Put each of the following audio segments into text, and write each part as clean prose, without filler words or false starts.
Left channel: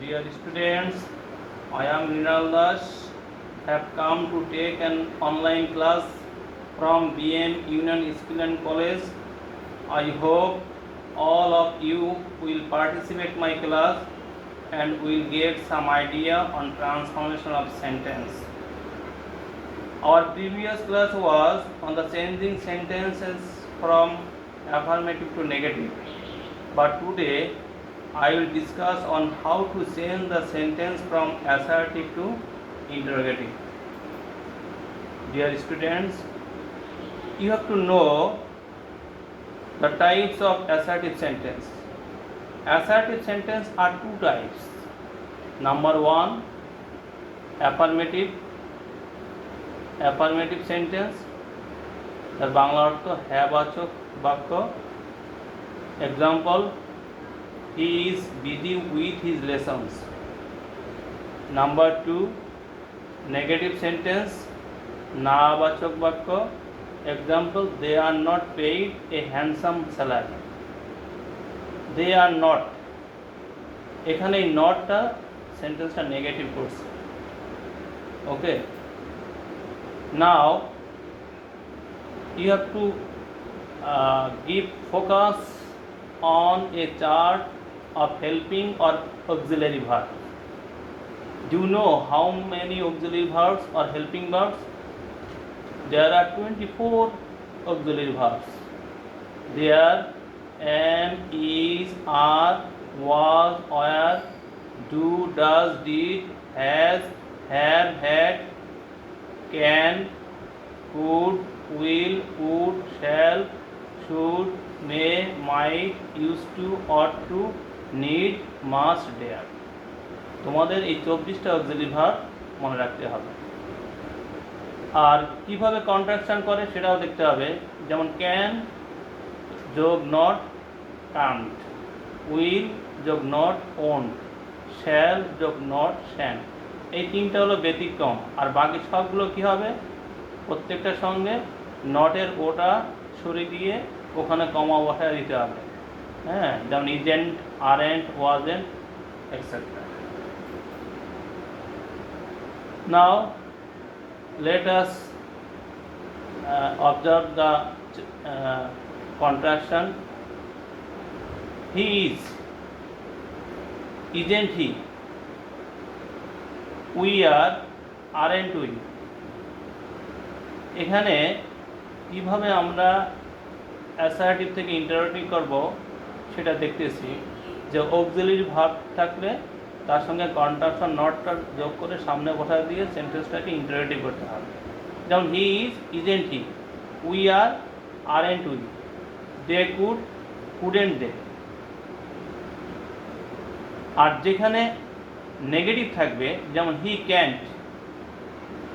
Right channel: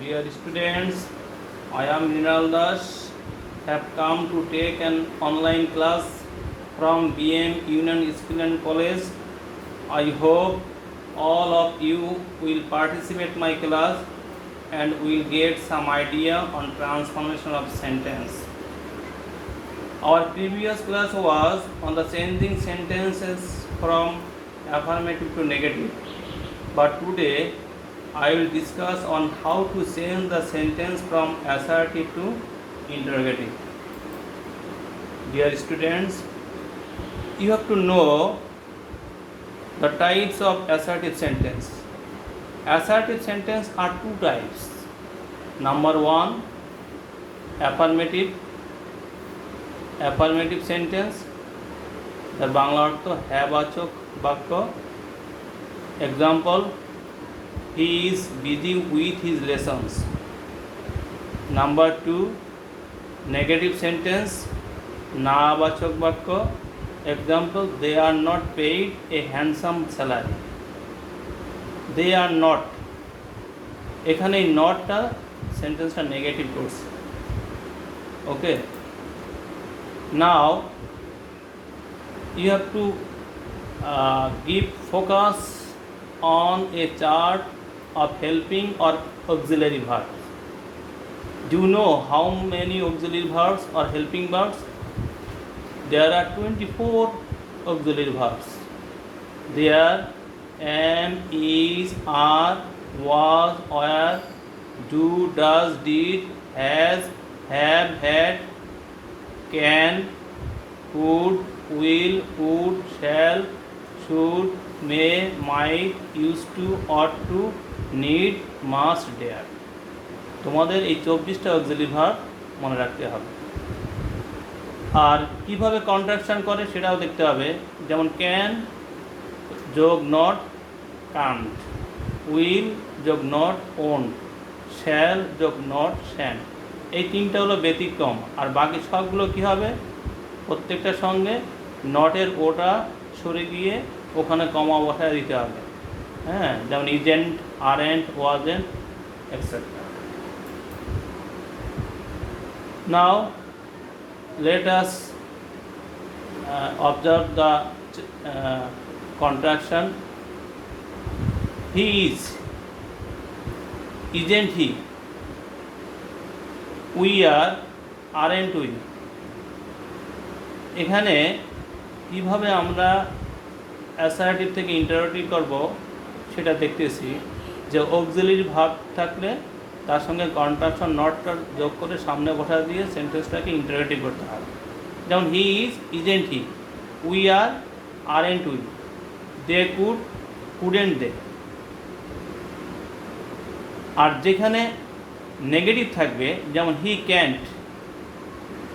Dear students, I am Rinal Das. Have come to take an online class from BM Union School and College. I hope all of you will participate my class and will get some idea on transformation of sentence. Our previous class was on the changing sentences from affirmative to negative, but today I will discuss on how to change the sentence from assertive to interrogative. Dear students, you have to know the types of assertive sentence. Assertive sentence are two types. Number one, affirmative sentence, তার বাংলা অর্থ হ্যাঁ বাচক বাক্য। Example, he is busy with his lessons. Number two, negative sentence, না বাচক বাক্য। Example, they are not paid a handsome salary. They are not, এখানে এই নটটা সেন্টেন্সটা নেগেটিভ করছে। ওকে, now you have to give focus on a chart of helping or auxiliary verbs. Do you know how many auxiliary verbs or helping verbs? There are 24 auxiliary verbs. They are am, is, are, was, were, do, does, did, has, have, had, can, could, will, would, shall, should, may, might, used to, ought to, need, must, dare. তোমাদের এই 24টা auxiliary verb মনে রাখতে হবে। আর কিভাবে contraction করে সেটাও দেখতে হবে। যেমন ক্যান যোগ নট কান্ট, উইল যোগ নট ওন্ট, শ্যাল যোগ নট শ্যান। এই তিনটা হলো ব্যতিক্রম, আর বাকি সবগুলো কী হবে, প্রত্যেকটার সঙ্গে নটের ওটা সরে গিয়ে ওখানে কমা বসায় দিতে হবে। হ্যাঁ, যেমন isn't, aren't, wasn't, etcetera. Now let us observe the contraction. He is, isn't he. We are, aren't we. এখানে কীভাবে আমরা অ্যাসার্টিভ থেকে ইন্টারোগেটিভ করব সেটা দেখতেছি। যে অক্সিলারি ভার্ব থাকলে তার সঙ্গে কন্ট্রাকশন নটটা যোগ করে সামনে বসা দিয়ে সেন্টেন্সটাকে ইন্টারোগেটিভ করতে হবে। যেমন he is, isn't he. We are, aren't we. They could, couldn't they. আর যেখানে নেগেটিভ থাকবে, যেমন হি ক্যান্ট,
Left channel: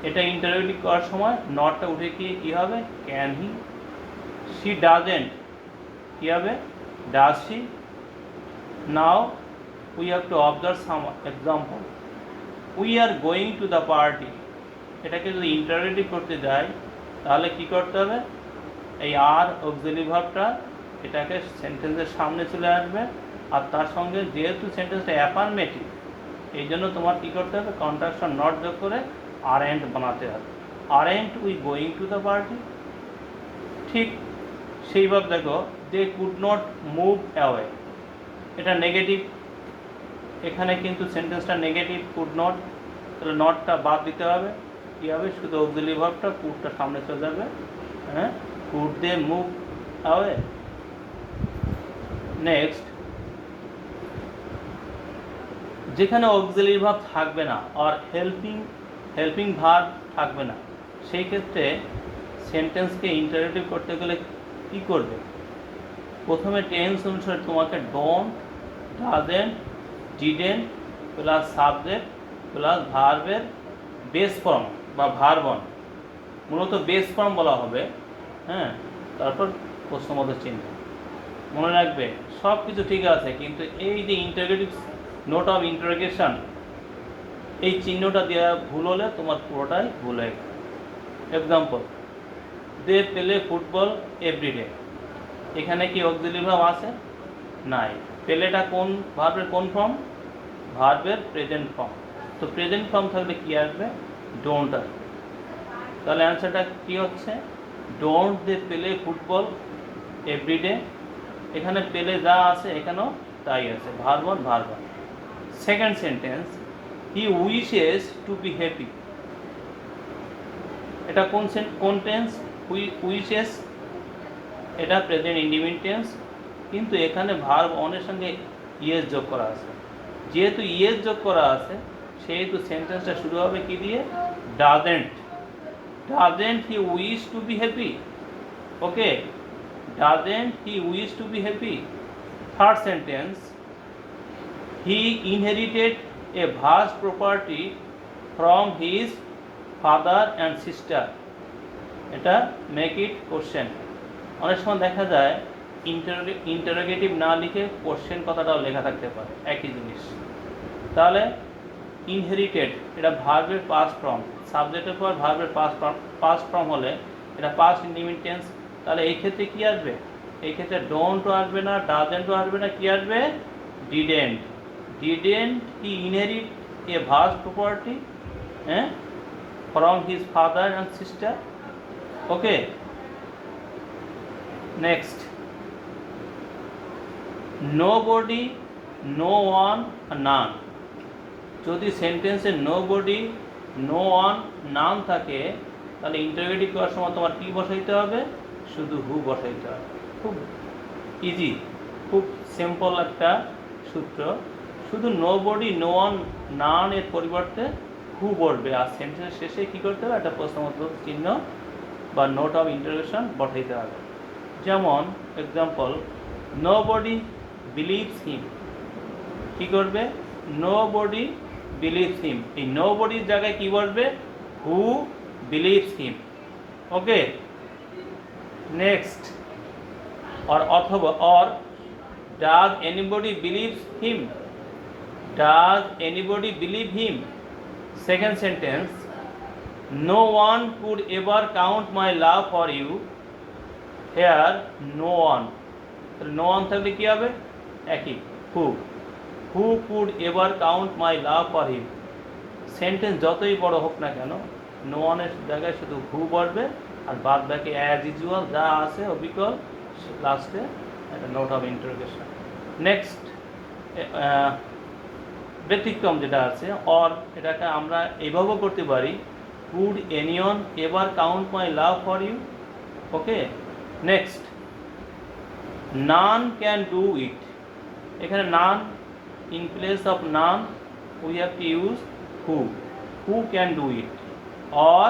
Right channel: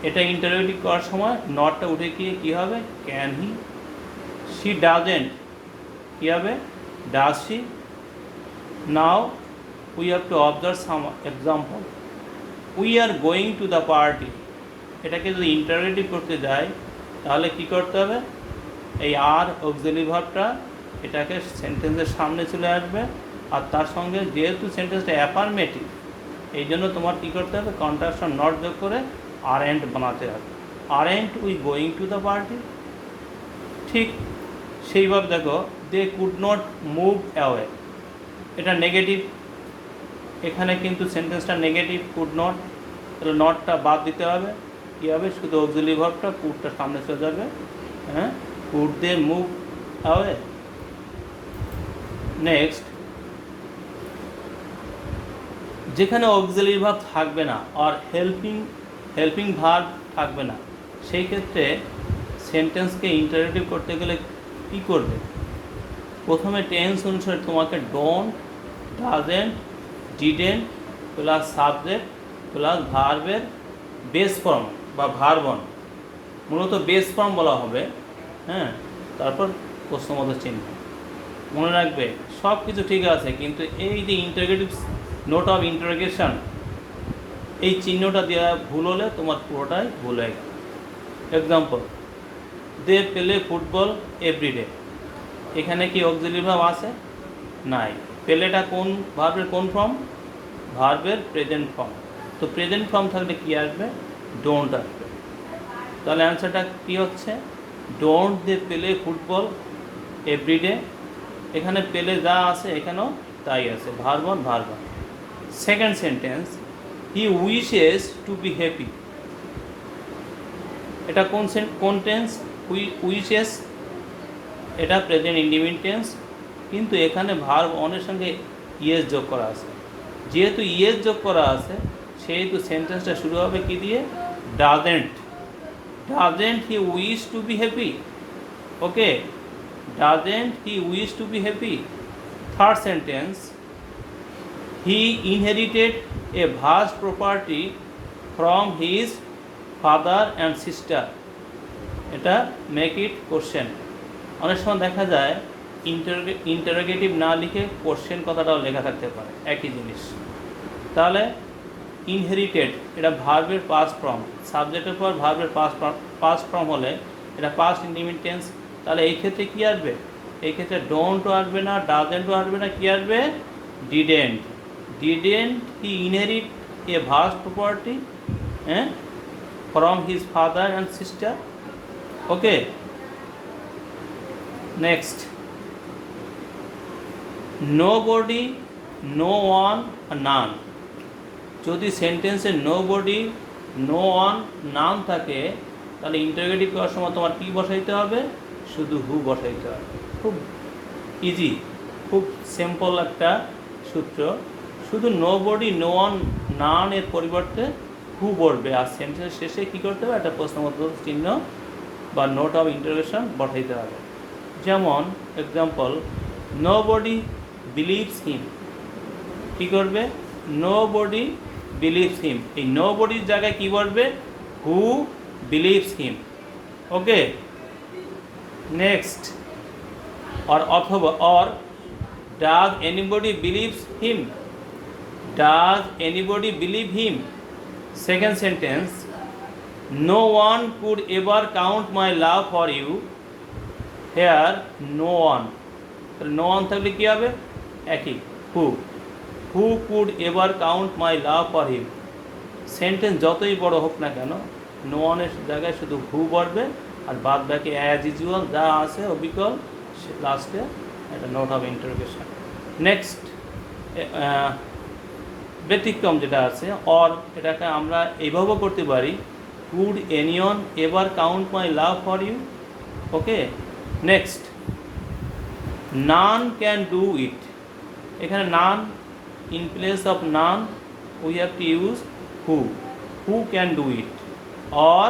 এটা ইন্টারোগেটিভ করার সময় নটটা উঠে গিয়ে কী হবে, ক্যান হি। শি ডাজেন্ট, কী হবে, does she. Now we have to observe some example. We are going to the party, এটাকে যদি ইন্টারোগেটিভ করতে যাই তাহলে কী করতে হবে, এই আর অক্সিলারি ভার্বটা এটাকে সেন্টেন্সের সামনে চলে আসবে। আর তার সঙ্গে যেহেতু সেন্টেন্সটা অ্যাফার্মেটিভ, এই জন্য তোমার কী করতে হবে, কন্ট্রাকশন নট যোগ করে আরেন্ট বানাতে হবে। Aren't we going to the party. ঠিক সেইভাবে দেখো, they could not move away, এটা নেগেটিভ। এখানে কিন্তু সেন্টেন্সটা নেগেটিভ, কুড নট, তাহলে নটটা বাদ দিতে হবে। কী হবে, শুধু অক্সিলারি ভার্বটা কুডটা সামনে চলে যাবে। হ্যাঁ, could they move away. Next, যেখানে অক্সিলারি ভার্ব থাকবে না আর হেল্পিং ভার্ব থাকবে না, সেই ক্ষেত্রে সেন্টেন্সকে ইন্টারোগেটিভ করতে গেলে কী করবে, প্রথমে টেন্স অনুসারে তোমাকে don't, doesn't, didn't plus subject plus ভার্বের বেস ফর্ম বা ভার্বন, মূলত বেস ফর্ম বলা হবে। হ্যাঁ, তারপর প্রশ্নবোধক চিহ্ন। মনে রাখবে সব কিছু ঠিক আছে, কিন্তু এই যে ইন্টারোগেটিভ নোট অফ ইন্টারোগেশন, এই চিহ্নটা দেওয়া ভুল হলে তোমার পুরোটাই ভুল হয়। Example, they play football everyday. এখানে কি অক্সিলারি ভার্ব আছে? নাই। প্লেটা কোন ভার্বের কোন ফর্ম? ভার্বের প্রেজেন্ট ফর্ম। তো প্রেজেন্ট ফর্ম থাকলে কী আসবে? ডোন্ট আসবে। তাহলে অ্যান্সারটা কী হচ্ছে? Don't they play football everyday. এখানে পেলে যা আছে এখানেও তাই আছে, verb on verb on. Second sentence, he wishes to be happy. এটা কোন টেন্স? উইশেস, এটা প্রেজেন্ট ইন্ডিফিনিট টেন্স, কিন্তু এখানে ভার্ব অনের সঙ্গে ইয়েস যোগ করা আছে। যেহেতু ইয়েস যোগ করা আছে সেহেতু সেন্টেন্সটা শুরু হবে কি দিয়ে? Doesn't. Doesn't he wish to be happy. Okay, doesn't he wish to be happy. Third sentence, he inherited a vast property from his father and sister. এটা মেক ইট কোশ্চেন। অনেক সময় দেখা যায় ইন্টারোগেটিভ না লিখে কোশ্চেন কথাটাও লেখা থাকতে পারে, একই জিনিস। তাহলে ইনহেরিটেড, এটা ভার্বের পাস্ট ফর্ম, সাবজেক্টের পর ভার্বের পাস্ট ফর্ম হলে এটা পাস্ট ইন্ডিফিনিট টেন্স। তাহলে এই ক্ষেত্রে কী আসবে? এই ক্ষেত্রে ডোন্টও আসবে না, ডাজেন্টও আসবে না, কী আসবে? Didn't. Didn't he inherit a vast property from his father and sister. Okay, next, nobody, no one, none. যদি সেন্টেন্সে nobody, no one, none থাকে তাহলে ইন্টারোগেটিভ করার সময় তোমার কী বসাইতে হবে? শুধু হু বসাইতে হবে। খুব ইজি, খুব সিম্পল একটা সূত্র। শুধু nobody, no one, none এর পরিবর্তে হু বলবে, আর সেন্টেন্সের শেষে কী করতে হবে? একটা প্রশ্নবোধক চিহ্ন বা নোট অফ ইন্টারোগেশন বসাইতে হবে। যেমন এক্সাম্পল, নোবডি বিলিভস হিম। কী করবে? Nobody believes him. এই নোবডির জায়গায় কী বলবে? Who believes him. Okay, next, অথবা does anybody believes him. Does anybody believe him. Second sentence, no one could ever count my love for you. Here, no one. No one থাকলে কী হবে? একই, who. Who could ever count my love for him? Sentence যতই বড় হোক না কেন, no one এর জায়গায় শুধু who বলবে, আর বাদ বাকি অ্যাজ ইউজুয়াল যা আছে অবিকল লাস্টে একটা নোট অফ ইন্টারোগেশন। নেক্সট, ব্যতিক্রম যেটা আছে অর, এটাকে আমরা এইভাবেও করতে পারি, could anyone ever count my love for you. Okay, next, none can do it. এখানে none, in place of none we have to use who. Who can do it or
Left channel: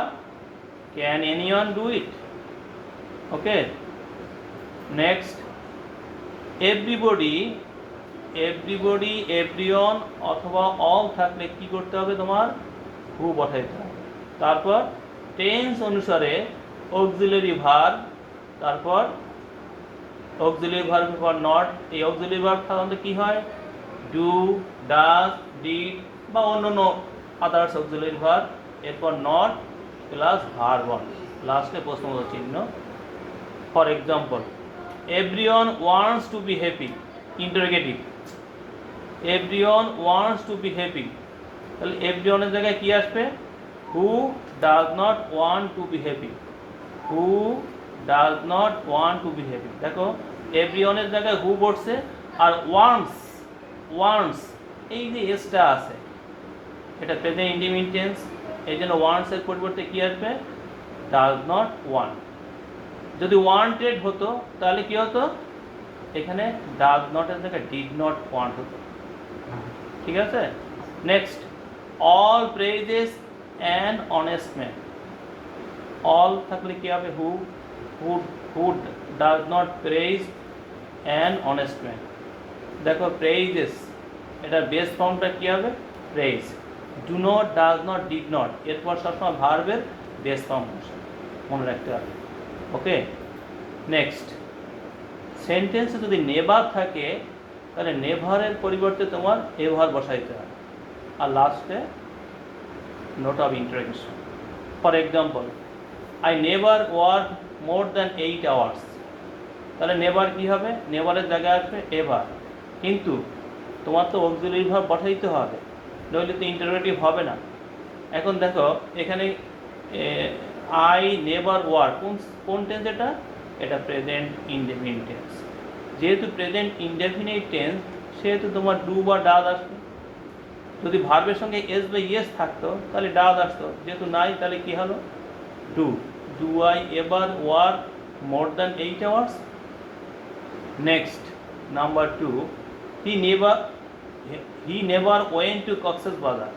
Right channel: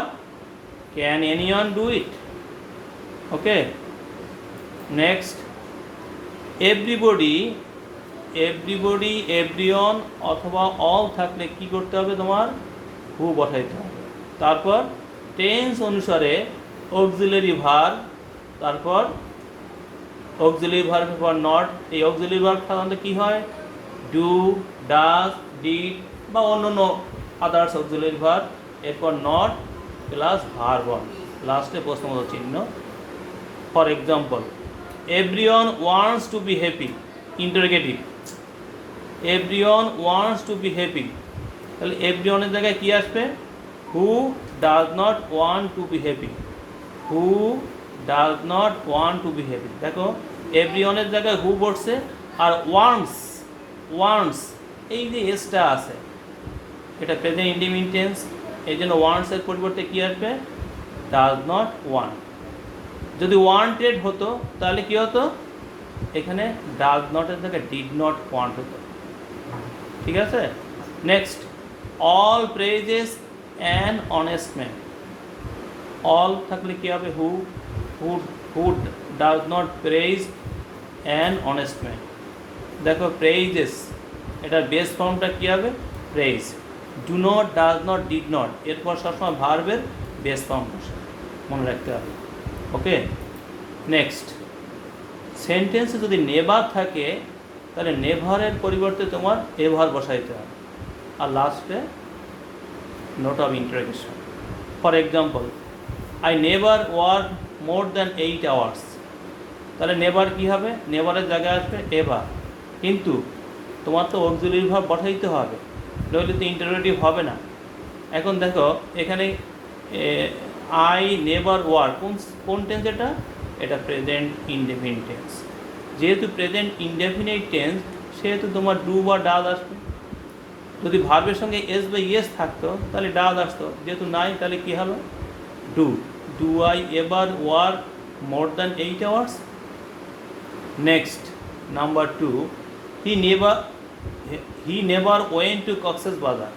can anyone do it. Okay, next, everybody, everybody, everyone অথবা all থাকলে কি করতে হবে? তোমার হু বসাইতে হবে। তারপর টেন্স অনুসারে অক্সিলারি ভার্ব, তারপর অক্সিলারি ভার্ব ফর নট। এই অক্সিলারি ভার্ব সাধারণত কী হয়? ডু, ডাজ, ডিড বা অন্যান্য আদার্স অক্সিলারি ভার্ব। এরপর নট প্লাস ভার্ব অন, লাস্টে প্রশ্নবোধক চিহ্ন। For example, everyone wants to be happy, interrogative. Everyone wants to be happy, তাহলে এভরিওয়ানের জায়গায় কী আসবে? হু does not want to be happy. Who does not want to be happy. দেখো এভরিওয়ানের জায়গায় হু বসছে, আর ওয়ান্টস, ওয়ান্টস এই যে এসটা আছে এটা প্রেজেন্ট ইন্ডিফিনিট টেন্স, এই জন্য ওয়ান্টসের পরিবর্তে কী আসবে? Does not want. যদি ওয়ান্টেড হতো তাহলে কী হতো? এখানে ডাজ নটের জায়গায় ডিড নট ওয়ান্ট হতো। ঠিক আছে, next, all praises an honest man. All থাকলে কী হবে? Who. Who does not praise an honest man. দেখো প্রেজেস, এটার বেস ফর্মটা কী হবে? Praise. Do not, does not, did not, এরপর সবসময় ভার্বের বেস ফর্ম বসে, মনে রাখতে হবে। ওকে, নেক্সট, সেন্টেন্সে যদি নেভার থাকে তাহলে নেভারের পরিবর্তে তোমার এভার বসাইতে হবে, আর লাস্টে note of interrogation. For example, I never work more than 8 hours। তাহলে নেভার কী হবে? নেভারের জায়গায় আসবে এভার, কিন্তু তোমার তো অক্সিলারি ভার্ব বসাইতে হবে, নইলে তো ইন্টারোগেটিভ হবে না। এখন দেখো এখানে আই নেভার ওয়ার, কোন টেন্স এটা? এটা প্রেজেন্ট ইনডেফিনিট টেন্স। যেহেতু প্রেজেন্ট ইনডেফিনিট টেন্স, সেহেতু তোমার ডু বা ডাজ আসবে। যদি ভার্বের সঙ্গে এস বা ইয়েস থাকতো তাহলে ডাজ আসতো, যেহেতু নাই তাহলে কী হলো? Do. Do I ever work more than 8 hours? Next, number 2, he never went to Cox's Bazar.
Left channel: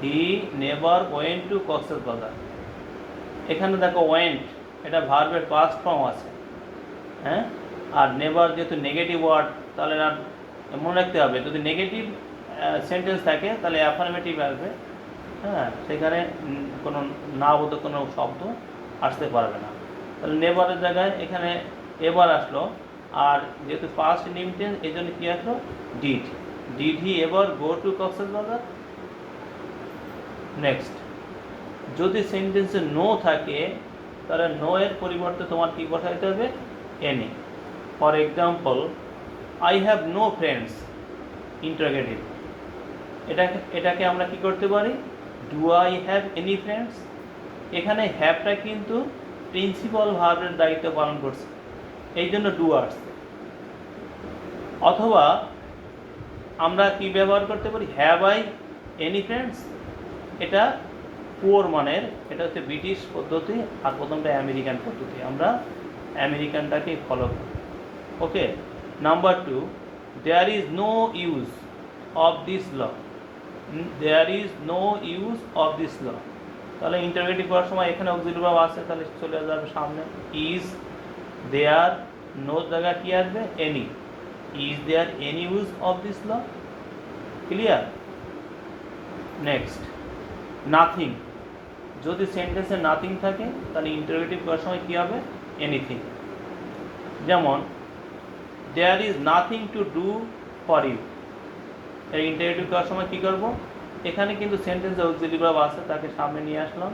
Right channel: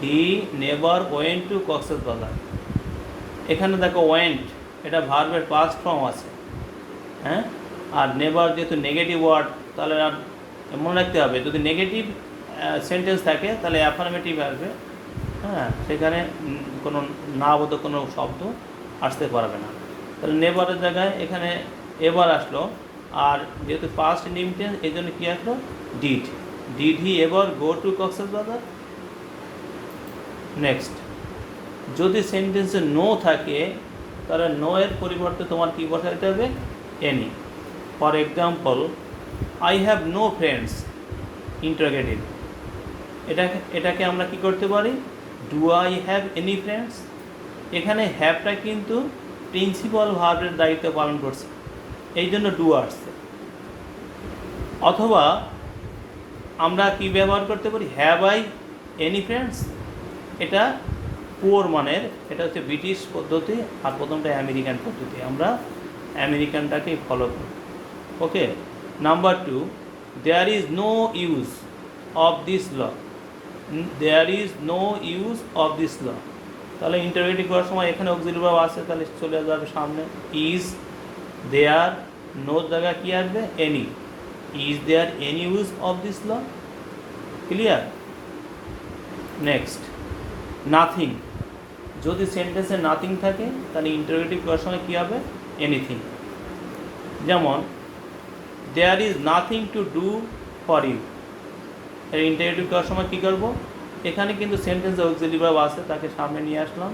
He never went to Cox's Bazar. এখানে দেখো ওয়েন্ট, এটা ভার্বের পাস্ট ফর্ম আছে, হ্যাঁ। আর নেভার যেহেতু নেগেটিভ ওয়ার্ড, তাহলে না মনে রাখতে হবে, যদি নেগেটিভ সেন্টেন্স থাকে তাহলে অ্যাফার্মেটিভ আসবে, হ্যাঁ, সেখানে কোনো না বোধক কোনো শব্দ আসতে পারবে না। তাহলে নেভারের জায়গায় এখানে এভার আসলো, আর যেহেতু পাস্ট ইনডিফিনিট এই জন্য কী আসলো? Did. Did he ever go to Cox's বাজার? নেক্সট, যদি সেন্টেন্সে নো থাকে তাহলে নো এর পরিবর্তে তোমার কী বসাইতে হবে? Any. For example, I have no friends, interrogative. এটাকে আমরা কি করতে পারি? Do I have any friends? এখানে হ্যাভটা কিন্তু প্রিন্সিপাল ভার্বের দায়িত্ব পালন করছে, এই জন্য ডু আসছে। অথবা আমরা কি ব্যবহার করতে পারি? Have I any friends? এটা পুয়ার মানের, এটা হচ্ছে ব্রিটিশ পদ্ধতি, আর প্রথমটা আমেরিকান পদ্ধতি। আমরা আমেরিকানটাকেই ফলো করি। Okay. Number 2, there is no use of this law. There is no use of this law, তাহলে ইন্টারোগেটিভ করার সময় এখানে অক্সিলারি ভার্ব আছে, তাহলে চলে যাবে সামনে ইজ দেয়ার, নো জায়গা কি আসবে? Any. Is there any use of this law? Clear? Next, nothing. যদি সেন্টেন্সে নাথিং থাকে তাহলে ইন্টারোগেটিভ করার সময় কী হবে? এনিথিং। যেমন there is nothing to do for you, এর ইন্টারোগেটিভ করার সময় কী করবো? এখানে কিন্তু সেন্টেন্সে অক্সিলারি ভার্ব আছে, তাকে সামনে নিয়ে আসলাম।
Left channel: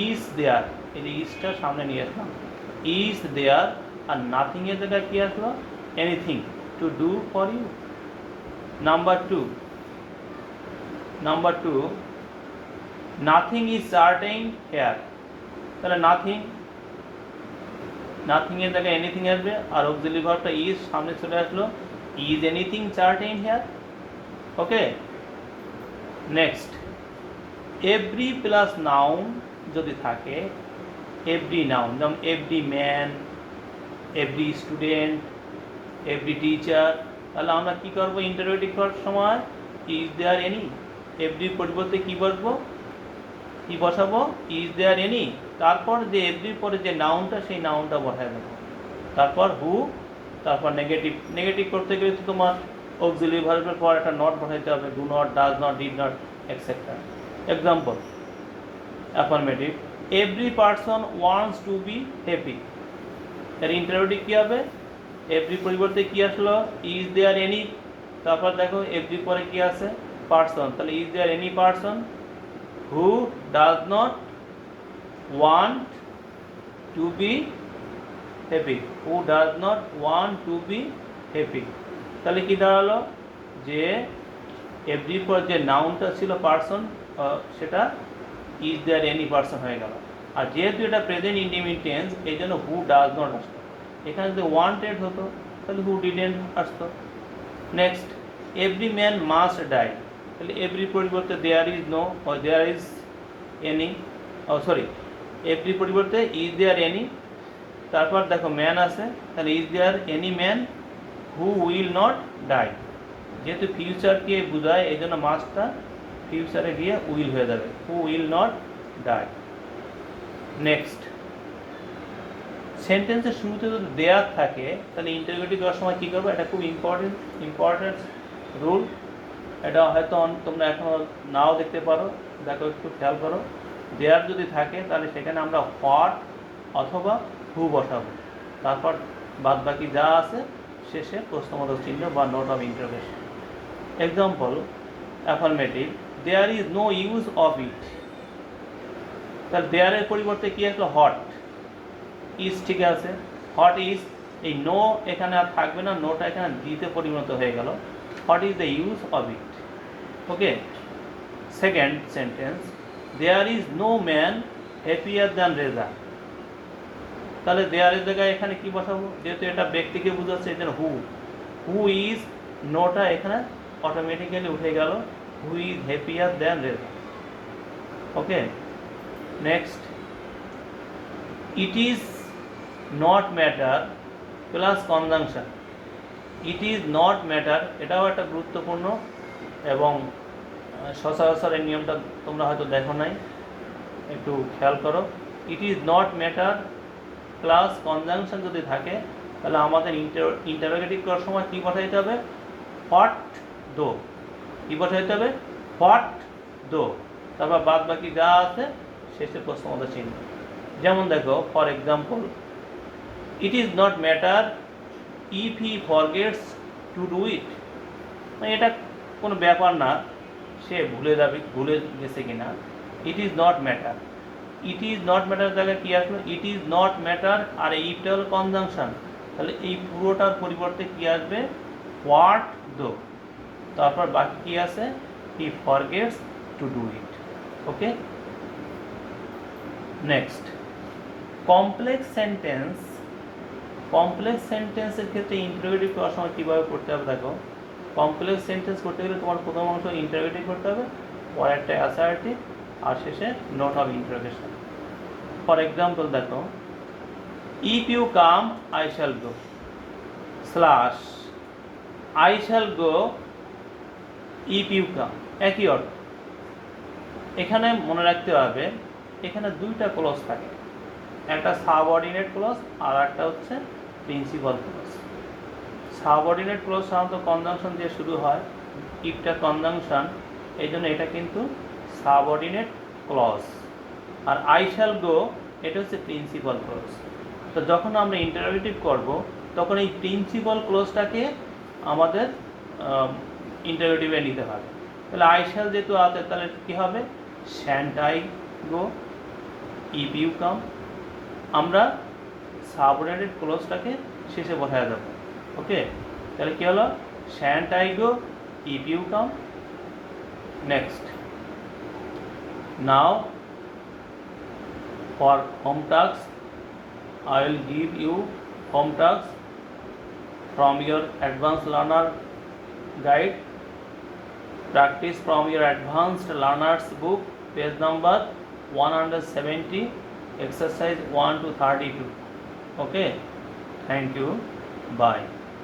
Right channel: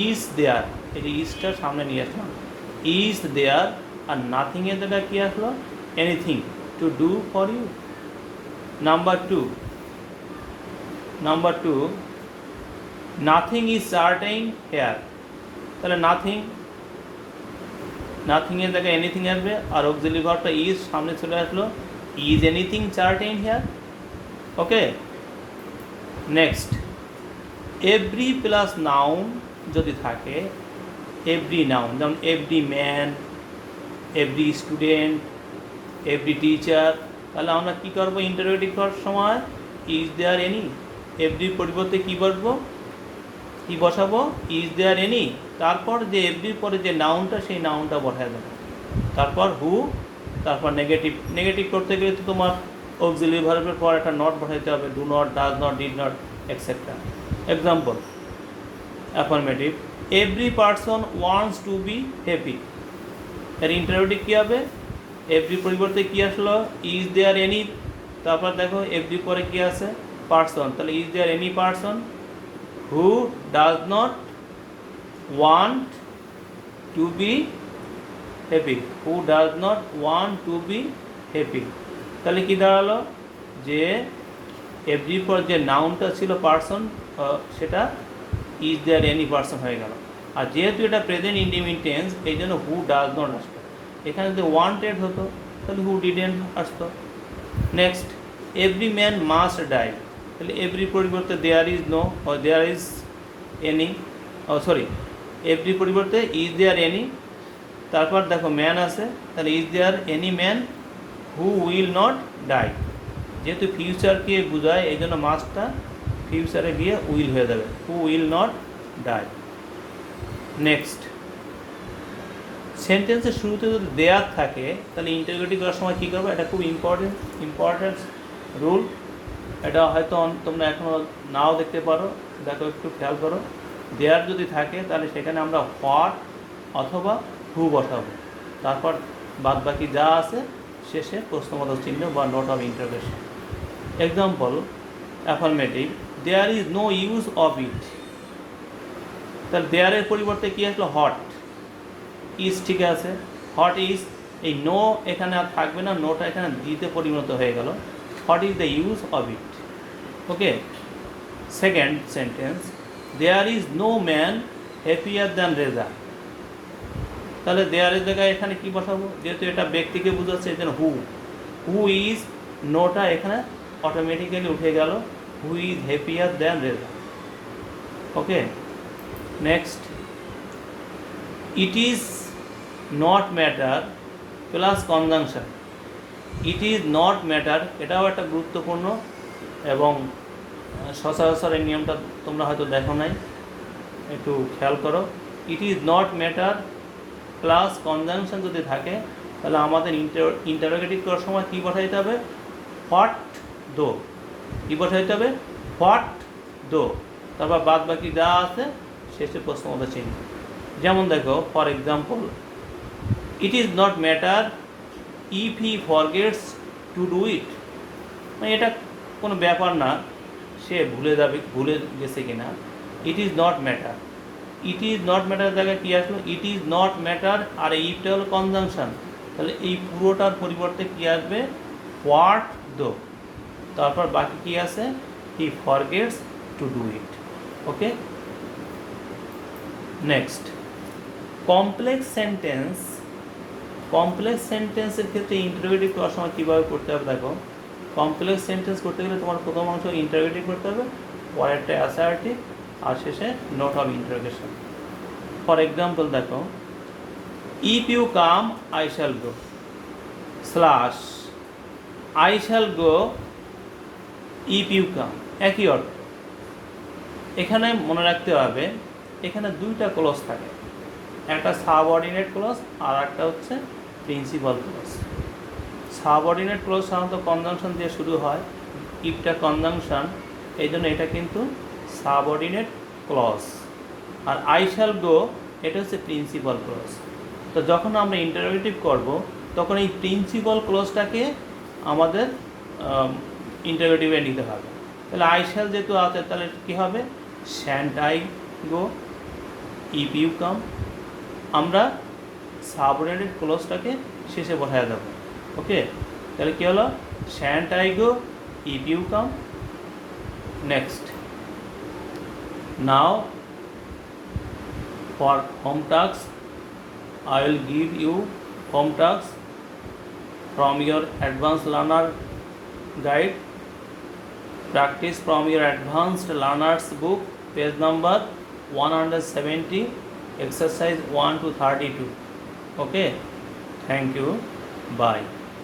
ইজ দেয়ার, এই যে ইজটা সামনে নিয়ে আসলাম, ইজ দেয়ার, আর নাথিংয়ের জায়গায় কী আসলো? Anything to do for you. Number 2, nothing is certain here, তাহলে নাথিংয়ের জায়গায় এনিথিং আসবে, আর অক্সিলারি ভার্বটা ইজ সামনে চলে আসলো, is anything certain here? Okay. Next, every plus noun যদি থাকে, এভরি নাউন, যেমন every man, every student, every teacher, তাহলে আমরা কী করবো? ইন্টারোগেটিভ করার সময় ইজ দেয়ার এনি, এভরির পরিবর্তে কী বসবো? কী বসাবো? ইজ দেয়ার এনি, তারপর যে এভরির পরে যে নাউনটা, সেই নাউনটা বসায় দেবো, তারপর হু, তারপর নেগেটিভ করতে গেলে তো তোমার অক্সিলারি ভার্বের পর একটা নট বসাইতে হবে, do not, does not, did not, etcetera. Example, affirmative, every person wants to be happy, এর ইন্টারোগেটিভ কী হবে? এভরি পরিবর্তে কী আসলো? ইজ দেয়ার এনি, তারপর দেখো এভরি পরে কী আছে? পারসন, তাহলে is there any person who does not want to be happy? Who does not want to be happy, তাহলে কী দাঁড়ালো? যে এভরি পর যে নাউনটা ছিল পারসন, সেটা ইজ দেয়ার এনি পারসন হয়ে গেল। আর যেহেতু এটা প্রেজেন্ট ইনডিফিনিট টেন্স, এই জন্য হু ডাজ নট আসতো। এখানে যদি ওয়ান্টেড হতো তাহলে হু ডিডেন্ট আসতো। Next, every man must die, তাহলে এভরি পরিবর্তে there is no, there is any, sorry, every পরিবর্তে ইজ দেয়ার এনি, তারপর দেখো ম্যান আছে, তাহলে is there any man who will not die. যেহেতু ফিউচারকে বোঝায় এই জন্য মাস্টটা ফিউচারে গিয়ে উইল হয়ে যাবে, who will not die. Next, সেন্টেন্সের শুরুতে যদি দেয়ার থাকে তাহলে ইন্টারোগেটিভ করার সময় কী করবো? এটা খুব ইম্পর্টেন্ট রুল। এটা হয়তো তোমরা এখনও নাও দেখতে পারো, দেখো একটু খেয়াল করো। দেয়ার যদি থাকে তাহলে সেখানে আমরা হোয়াট অথবা হু বসাবো, তারপর বাদ বাকি যা আছে শেষে প্রশ্নবোধক চিহ্ন বা note of interrogation. Example, affirmative, there is no use of it, তাহলে দেয়ারের পরিবর্তে কী আসলো? হট। ইজ ঠিক আছে, হট ইজ, এই নো এখানে আর থাকবে না, নোটা এখানে দিতে পরিণত হয়ে গেল, what is the use of it. Okay, second sentence, there is no man happier than Reza. তাহলে দেয়ার এর জায়গায় এখানে কি বসাবো, যেহেতু এটা ব্যক্তিকে বোঝাচ্ছে এই জন্য হু ইজ নোটা এখানে অটোমেটিক্যালি উঠে গেল, who is happier than Reza. Okay, next, it is not matter plus conjunction. It is not matter এটাও একটা গুরুত্বপূর্ণ এবং সচরাচর এই নিয়মটা তোমরা হয়তো দেখো নাই, একটু খেয়াল করো। It is not matter plus conjunction যদি থাকে তাহলে আমাদের ইন্টারোগেটিভ করার সময় কী বসাইতে হবে, হোয়াট দো। কী বসাইতে হবে, হোয়াট দো, তারপর বাদ বাকি যা আছে শেষে প্রশ্ন মতো চিহ্ন। যেমন দেখো, for example, it is not matter if he forgets to do ইট। মানে এটা কোনো ব্যাপার না সে ভুলে গেছে কিনা। It is not matter, it is not matter জায়গায় কী আসলো, ইট ইজ নট ম্যাটার, আর ইফটা হলো কনজাংশন, তাহলে এই পুরোটার পরিবর্তে কী আসবে, হোয়াট দো, তারপর বাকি কী আছে, he forgets to do it. Okay, next, complex sentence. কমপ্লেক্স সেন্টেন্সের ক্ষেত্রে ইন্টারোগেটিভ করার সময় কীভাবে করতে হবে দেখো। কমপ্লেক্স সেন্টেন্স করতে গেলে তোমার প্রথম অংশ ইন্টারোগেটিভ করতে হবে, পরেরটা অ্যাসার্টিভ, আর শেষে note of interrogation. For example দেখো, if you come I shall go, slash I shall go if you come, একই অর্থ। এখানে মনে রাখতে হবে এখানে দুইটা ক্লজ থাকে, একটা সাবঅর্ডিনেট ক্লজ আর একটা হচ্ছে প্রিন্সিপাল ক্লজ। সাবঅর্ডিনেট ক্লজ সাধারণত কনজাংশন দিয়ে শুরু হয়, ইফটা কনজাংশন, এই জন্য এটা কিন্তু সাবঅর্ডিনেট ক্লজ। আর আই শ্যাল গো এটা হচ্ছে প্রিন্সিপাল ক্লজ। তো যখন আমরা ইন্টারোগেটিভ করব তখন এই প্রিন্সিপাল ক্লজটাকে আমাদের ইন্টারোগেটিভে নিতে হবে। তাহলে আই শ্যাল যেহেতু আছে তাহলে কী হবে, shan't I go if you come. আমরা সাবঅর্ডিনেট ক্লজটাকে শেষে বসায় দেবো। ওকে, তাহলে কী হলো, shan't I go if you come. Next, now for home tasks I will give you home tasks from your advanced learner guide. Practice from your advanced learners book, page number 170, exercise 1 to 32. Okay, thank you, bye.